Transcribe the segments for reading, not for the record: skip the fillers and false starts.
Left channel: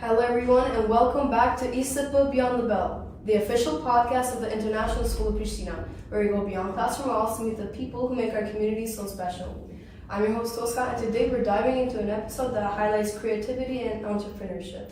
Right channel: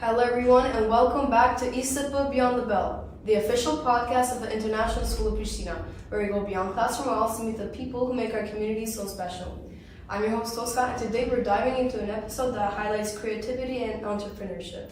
Hello everyone and welcome back to ISIPA Beyond the Bell, the official podcast of the International School of Pristina, where we go beyond classroom walls to meet the people who make our community so special. I'm your host Tosca, and today we're diving into an episode that highlights creativity and entrepreneurship.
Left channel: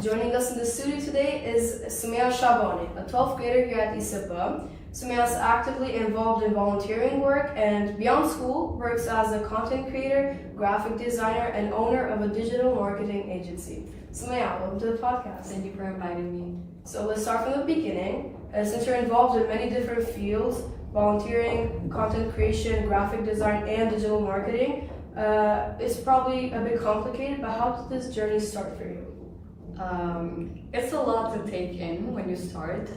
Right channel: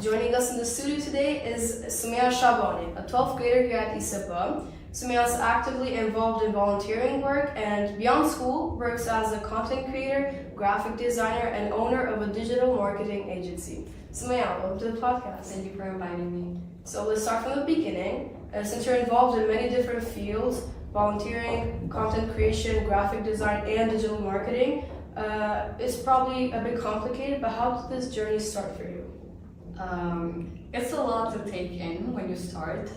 Joining us in the studio today is Sumea Shabani, a 12th grader here at ISIPA. Sumea is actively involved in volunteering work and beyond school works as a content creator, graphic designer, and owner of a digital marketing agency. Sumea, welcome to the podcast. Thank you for inviting me. So let's start from the beginning. Since you're involved in many different fields, volunteering, content creation, graphic design, and digital marketing, it's probably a bit complicated, but how did this journey start for you? It's a lot to take in when you start.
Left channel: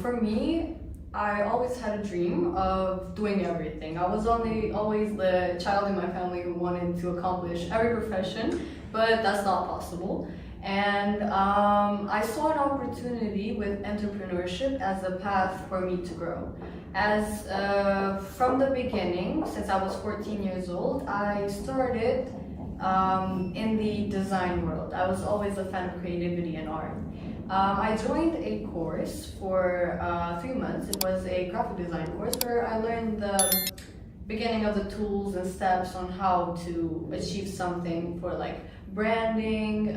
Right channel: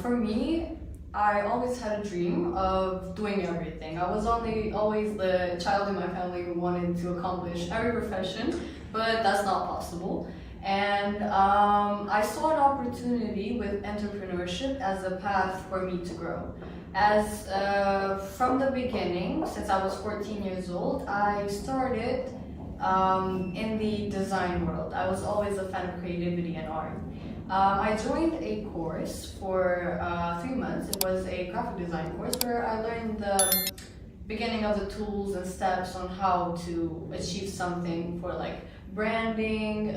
For me, I always had a dream of doing everything. I was always the child in my family who wanted to accomplish every profession, but that's not possible. And I saw an opportunity with entrepreneurship as a path for me to grow. As from the beginning, since I was 14 years old, I started in the design world. I was always a fan of creativity and art. I joined a course for 3 months. It was a graphic design course where I learned the beginning of the tools and steps on how to achieve something for like branding,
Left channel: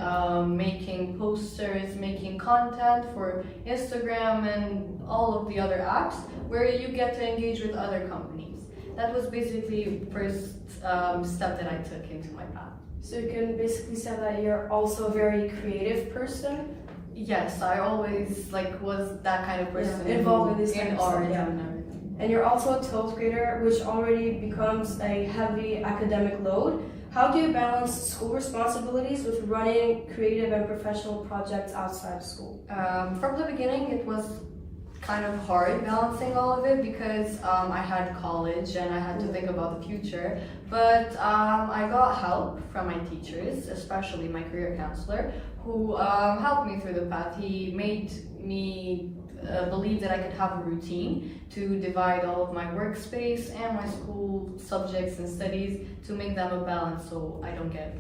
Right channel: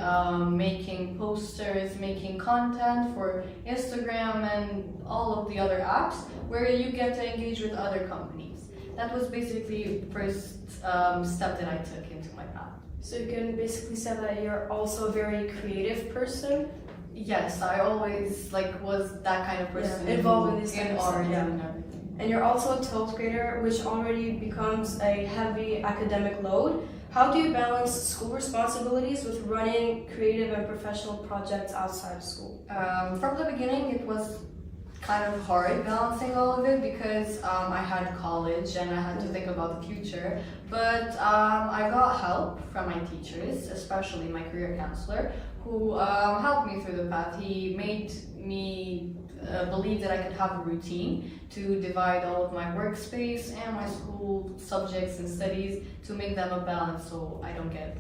making posters, making content for Instagram and all of the other apps where you get to engage with other companies. That was basically the first step that I took into my path. So you can basically say that you're also a very creative person? Yes, I always was that kind of person, involved in these in kind of art stuff, yeah. and everything. And you're also a 12th grader, which already becomes a heavy academic load. How do you balance school responsibilities with running creative and professional projects outside of school? From the beginning, it was kind of hard balancing all of it because I had college and I had to think about the future. But I got help from my teachers, especially my career counselor, who helped me through the path. He made me believe that I could have a routine to divide all of my workspace and my school subjects and studies to make them a balance so I don't get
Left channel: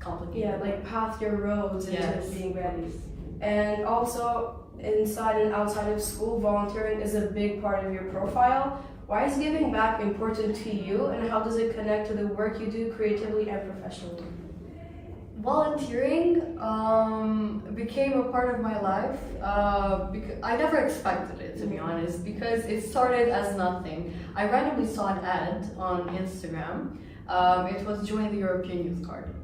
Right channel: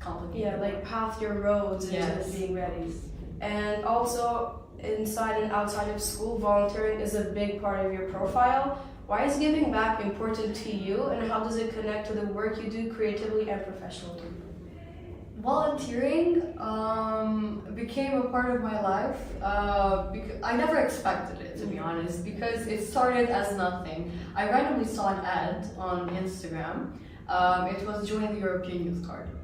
complicated. Yeah, path your roads into being ready. And also, inside and outside of school, volunteering is a big part of your profile. Why is giving back important to you, and how does it connect to the work you do creatively and professionally? Volunteering became a part of my life because I never expected it, to be honest, because it started as nothing. I randomly saw an ad on Instagram. It was join the European Youth Card.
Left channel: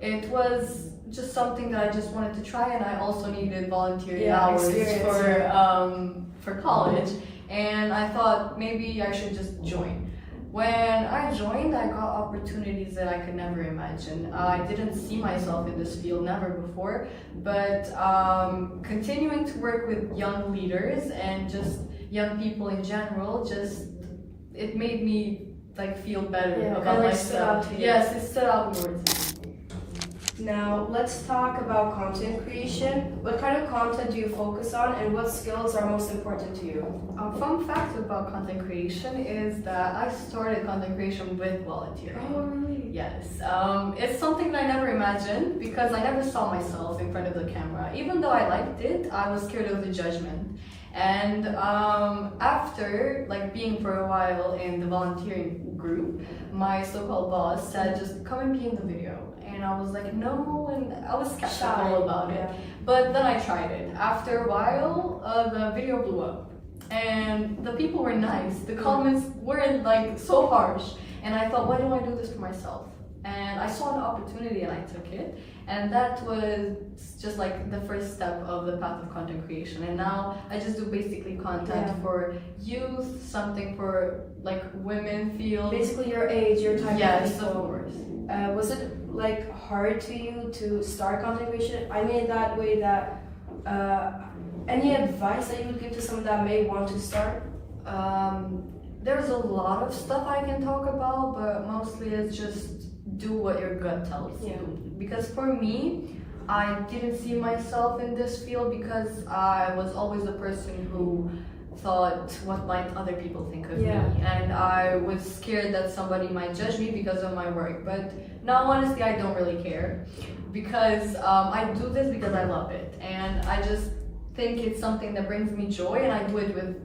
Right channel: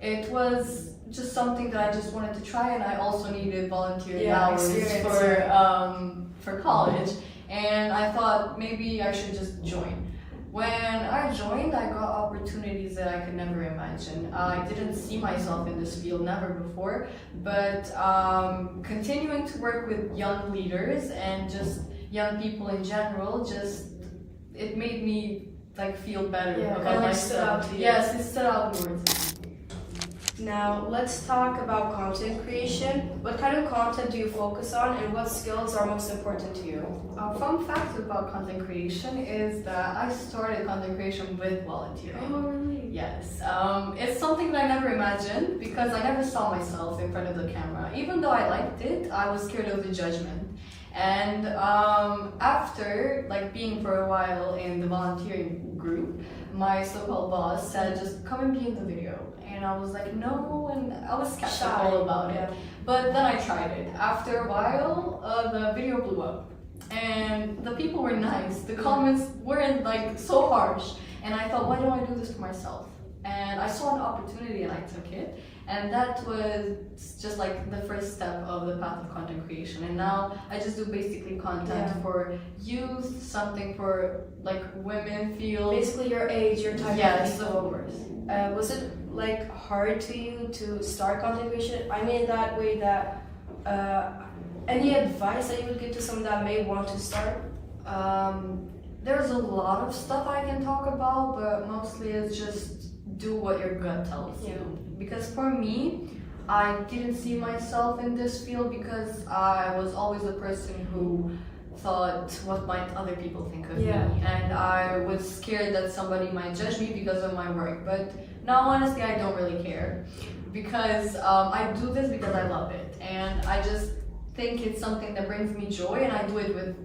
It was just something that I just wanted to try, and I also needed volunteering hours for college, and I thought maybe I should just join. When I joined, I got opportunities that I could never imagine. I didn't see myself in this field, never before, but continuing to work with young leaders and just young people in general, it made me feel better about myself. Yes, it stood out more to me. Now, let's talk about content creation. What kind of content do you focus on, and what skills are most important to you? A fun fact about content creation is that I started content creation with volunteering. Oh, really? Yes. It's something that I never imagined because I never saw myself in front of the camera. Even though I liked it, I was scared of the judgment. And after being for a while in the volunteering group, my so-called boss said, just come and be in the video. And I was like, no, and I was skeptical about it. But then I tried it. After a while, the video blew up. And the people were nice. The comments weren't so harsh. And I thought, why don't I do this for myself? And I saw an opportunity and I took it. And that was just the first step of the path of content creation. And now I just do basically content for youth, something for women field. Basically your age, your type of people. Yes, of course. Was it hard to you to start content creation? I mean that way that Any advice that you would give to someone that may want to start? There's a lot of stuff I can talk about, but mostly it's just do what your gut tells you. Because for me, I didn't see myself in this field because I was always the person who thought, what might other people think of me? And I was scared that somebody might judge me because of my work. But now, honestly, I don't really care because I do this because I love it. And I just think it's something that brings me joy, and I do it with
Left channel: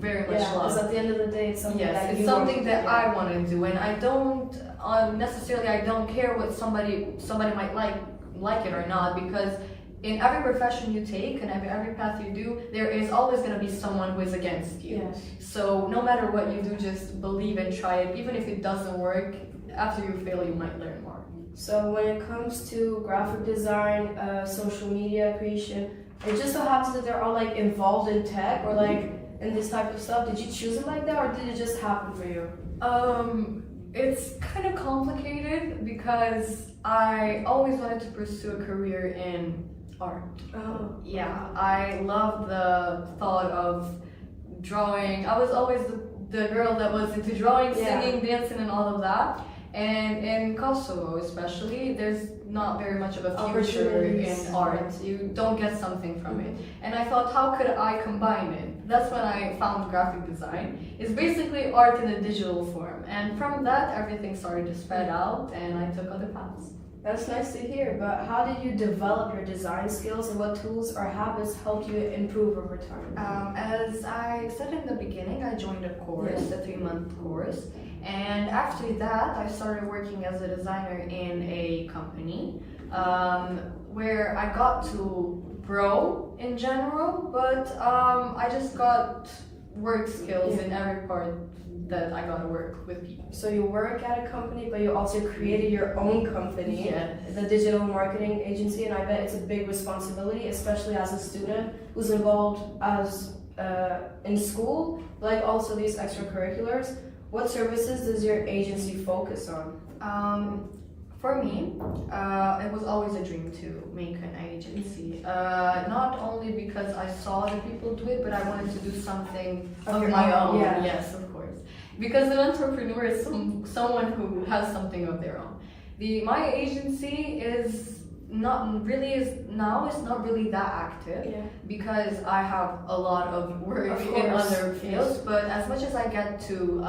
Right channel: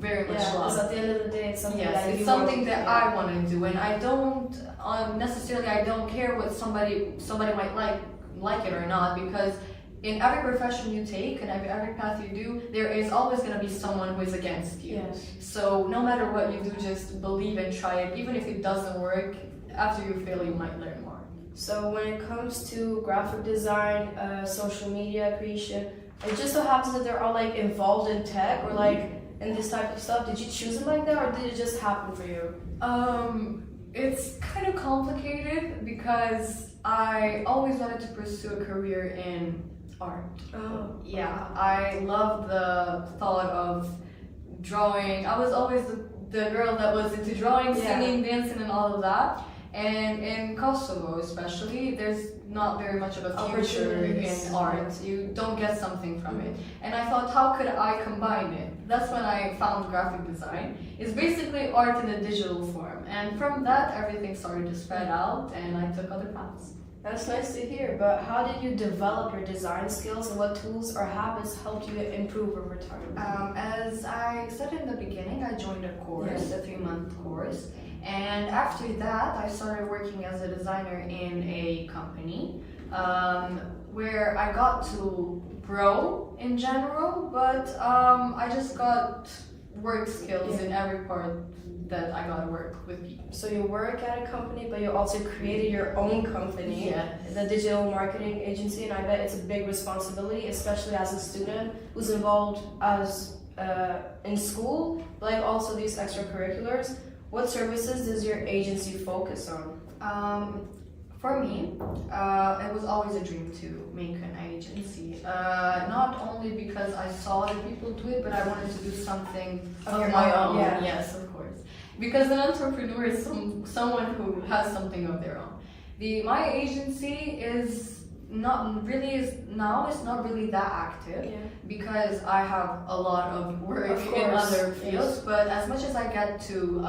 very much love. Because at the end of the day, it's something that it's you something want to that do. I want to do, and I don't necessarily I don't care what somebody might like it or not, because in every profession you take and every path you do, there is always going to be someone who is against you. So no matter what you do, just believe and try it. Even if it doesn't work, after you fail, you might learn more. So when it comes to graphic design, social media creation, it just so happens that they're all like involved in tech or like in this type of stuff. Did you choose it like that, or did it just happen for you? It's kind of complicated because I always wanted to pursue a career in art. Yeah, I love the thought of drawing. I was always the girl that was into drawing, singing, dancing, and all of that. And in Kosovo especially, there's not very much of a future in art. You don't get something from it. And I thought, how could I combine it? That's when I found graphic design. It's basically art in a digital form. And from that, everything started to spread out, and I took other paths. That's nice to hear, but how did you develop your design skills, and what tools or habits helped you improve over time? As I said in the beginning, I joined a course, a 3-month course, and after that I started working as a designer in a company where I got to grow in general, but I just got work skills in every part that I got to work with people. So you work at a company, but you also created your own company, the digital marketing agency, and I bet it's a big responsibility, especially as a student who's involved as in school, but like also these extracurriculars. What services does your agency focus on? For me, it was always a dream to make an agency. Not only because I saw other people do it, but I wanted to do something of my own. Yes, of course. Because an entrepreneur is someone who has something of their own. My agency is not really that active because I have a lot of work in other fields, but as much as I get to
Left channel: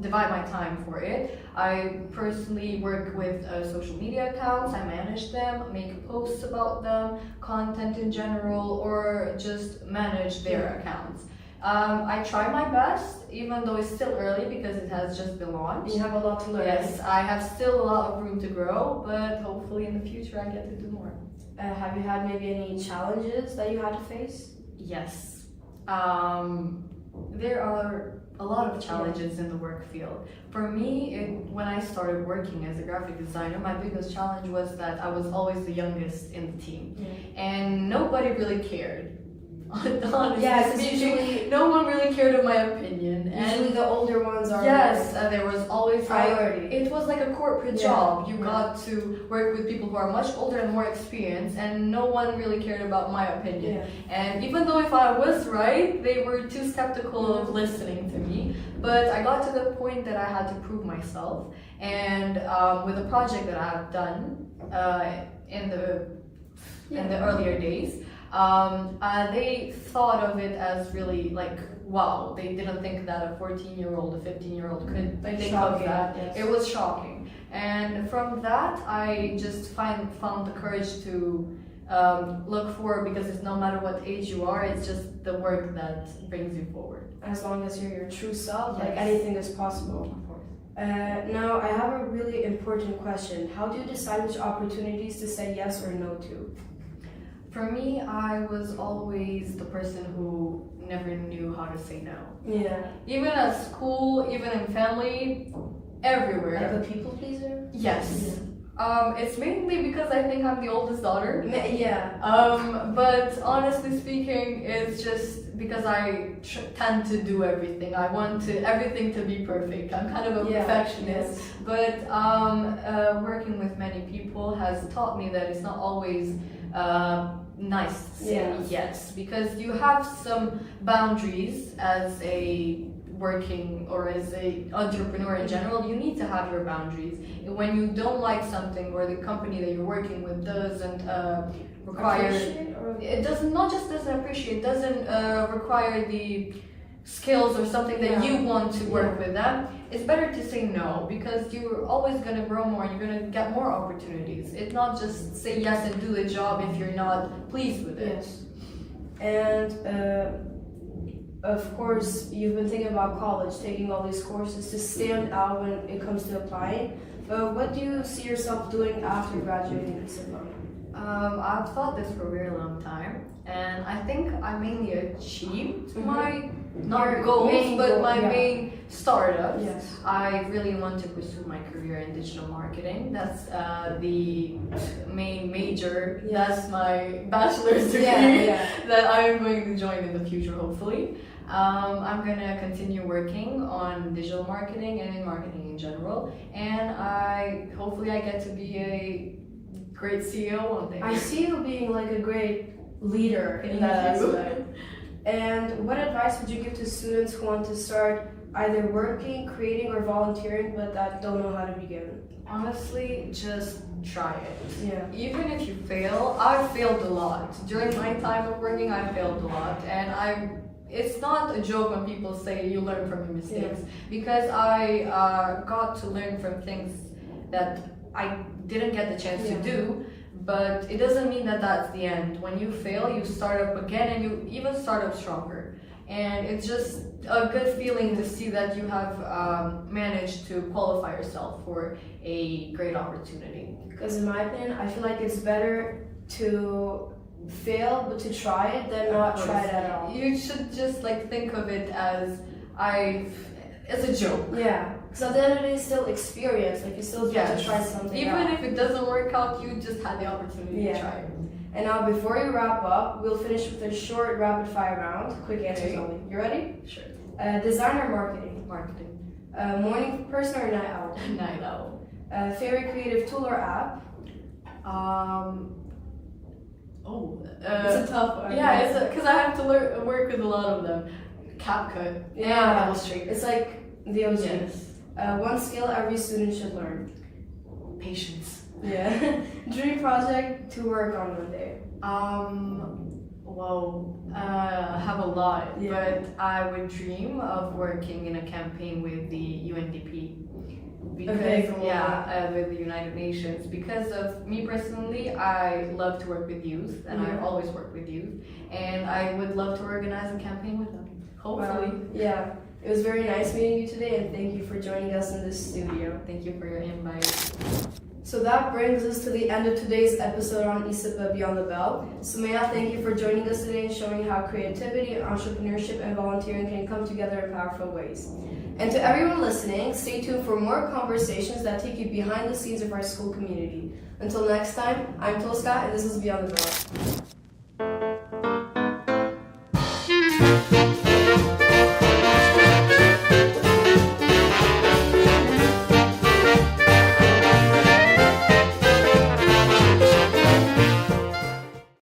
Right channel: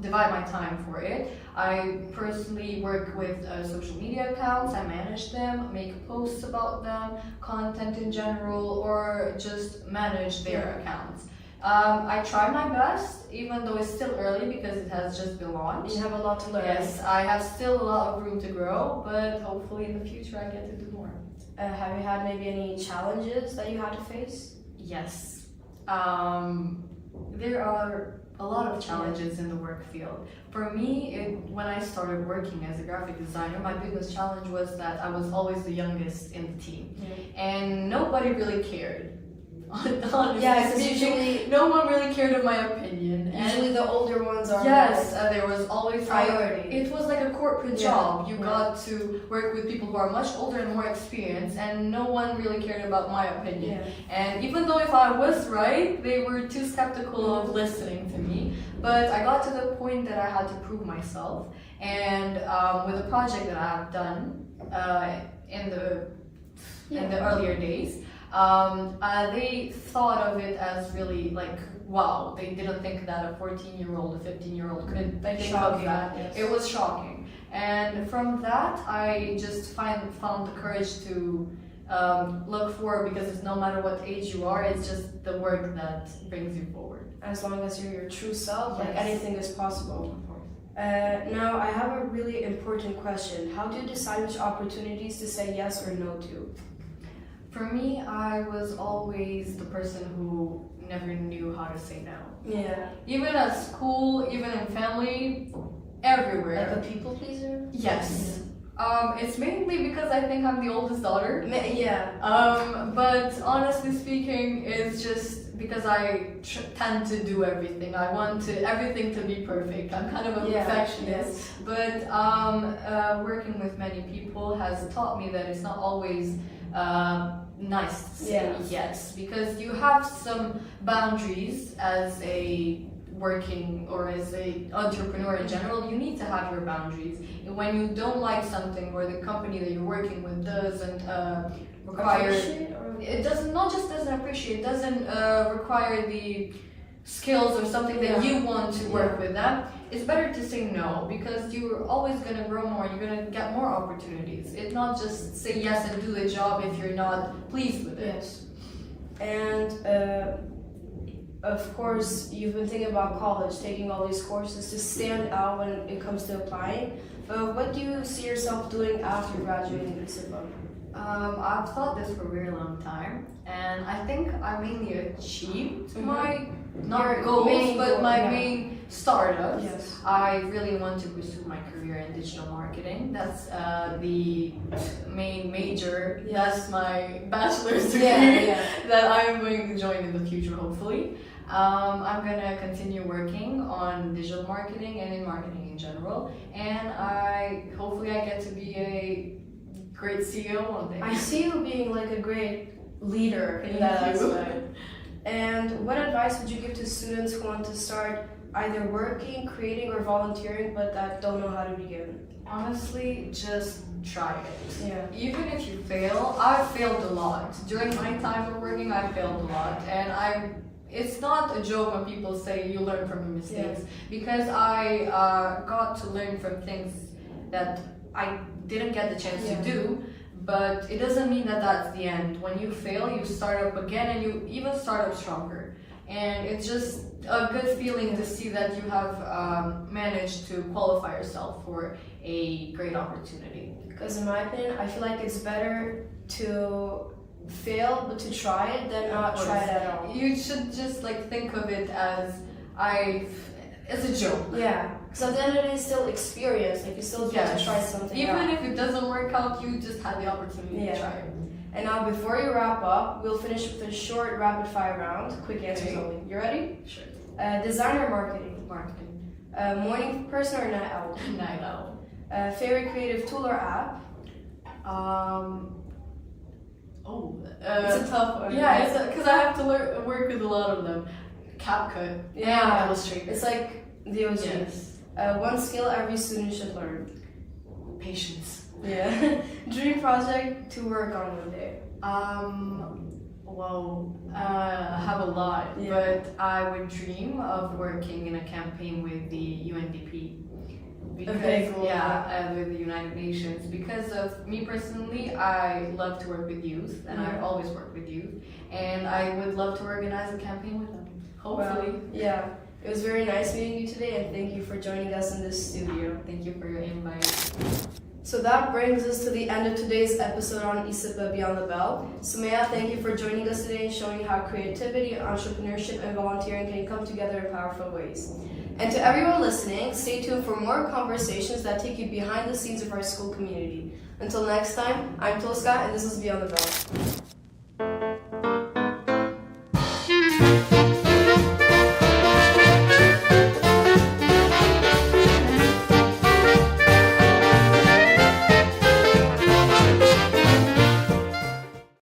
divide my time for it, I personally work with social media accounts. I manage them, make posts about them, content in general, or just manage their accounts. I try my best, even though it's still early because it has just been launched. You have a lot to learn. Yes, I have still a lot of room to grow, but hopefully in the future I get to do more. Have you had maybe any challenges that you had to face? Yes. There are a lot of challenges in the work field. For me, when I started working as a graphic designer, my biggest challenge was that I was always the youngest in the team. And nobody really cared. Honestly speaking, no one really cared of my opinion. Usually the older ones are there was always priority. It was like a corporate job. You got to work with people who are much older and more experienced, and no one really cared about my opinion. And even though if I was right, they were too skeptical of listening to me. But I got to the point that I had to prove myself, and with a project that I have done in the earlier days, they thought of it as really like, wow, they didn't think that a 14-year-old, a 15-year-old could think of that. It was shocking. And from that, I just found the courage to look forward, because it's no matter what age you are, it's just the work that brings you forward. As long as you're your true self, like anything is possible. Of course. Now, I have a really important question. How do you decide which opportunities to say yes or no to? For me, I was always the person who never knew how to say no. Even at school, even in family, everywhere. Like a people pleaser? Yes. It's mainly because I think I'm the oldest daughter. But honestly speaking, it's just because I tend to do everything. I want everything to be perfect. I'm kind of a perfectionist. But working with many people has taught me that it's not always nice to say yes, because you have some boundaries as a working or as a entrepreneur in general. You need to have your boundaries. When you don't like something, or the company that you're working with doesn't require, it doesn't, not just doesn't appreciate, doesn't require the skills or something that you want to work with them, it's better to say no, because you're always going to grow more, you're going to get more opportunities. It's not just say yes and do the job if you're not pleased with it. Yes. And of course, you've been thinking about college, taking all these courses to stand out when it comes to applying. But what do you see yourself doing after graduating in Sumea? I've thought this for a very long time, and I think I mainly achieved my goals, but my main startups. Yes. I really want to pursue my career in digital marketing. That's the main major. Yes. That's my bachelor's degree that I'm going to join in the future, hopefully. I'm gonna continue working on digital marketing and in marketing in general, and hopefully I get to be a great CEO one day. I see you being like a great leader in that aspect. And what advice would you give to students who want to start either working, creating, or volunteering, but that don't know how to begin? Honestly, just try it. Yeah. Even if you fail, I've failed a lot. During my time of working, I failed a lot, and it's not a joke when people say you learn from your mistakes, because I got to learn from things that I didn't get the chance to do, but it doesn't mean that that's the end. When you fail, you start up again, and you even start up stronger. And it's just a good feeling to see that you have managed to qualify yourself for a great opportunity. Because in my opinion, I feel like it's better to fail but to try it than not try it at all. You should just like think of it as it's a joke. Yeah, because at the end of the day, it's still experience. Like you still get to try something. Even if it doesn't work out, you just had the opportunity to try. And now, before we wrap up, we'll finish with a short rapid fire round. Quick answers only. You ready? Sure. Design or marketing? Marketing. Morning person or night owl? Night owl. Favorite creative tool or app? It's a tough one. Yeah, it's because I have to work with a lot of them. CapCut. Yeah. And Illustrator. It's like the OG. Yes. One skill every student should learn. Patience. Yeah. Dream project to work on one day. I have a lot, but I would dream of working in a campaign with the UNDP. Because, with the United Nations. Because of me personally, I love to work with youth, and I've always worked with youth, and I would love to organize a campaign with them. Hopefully. Yeah. It was very nice meeting you today, and thank you for joining us in this studio. Thank you for your invite. So that brings us to the end of today's episode on ISIPA Beyond the Bell. Sumea, thank you for joining us today and showing how creativity, entrepreneurship, and volunteering can come together in powerful ways. And to everyone listening, stay tuned for more conversations that take you behind the scenes of our school community. Until next time, I'm Tosca, and this is Beyond the Bell.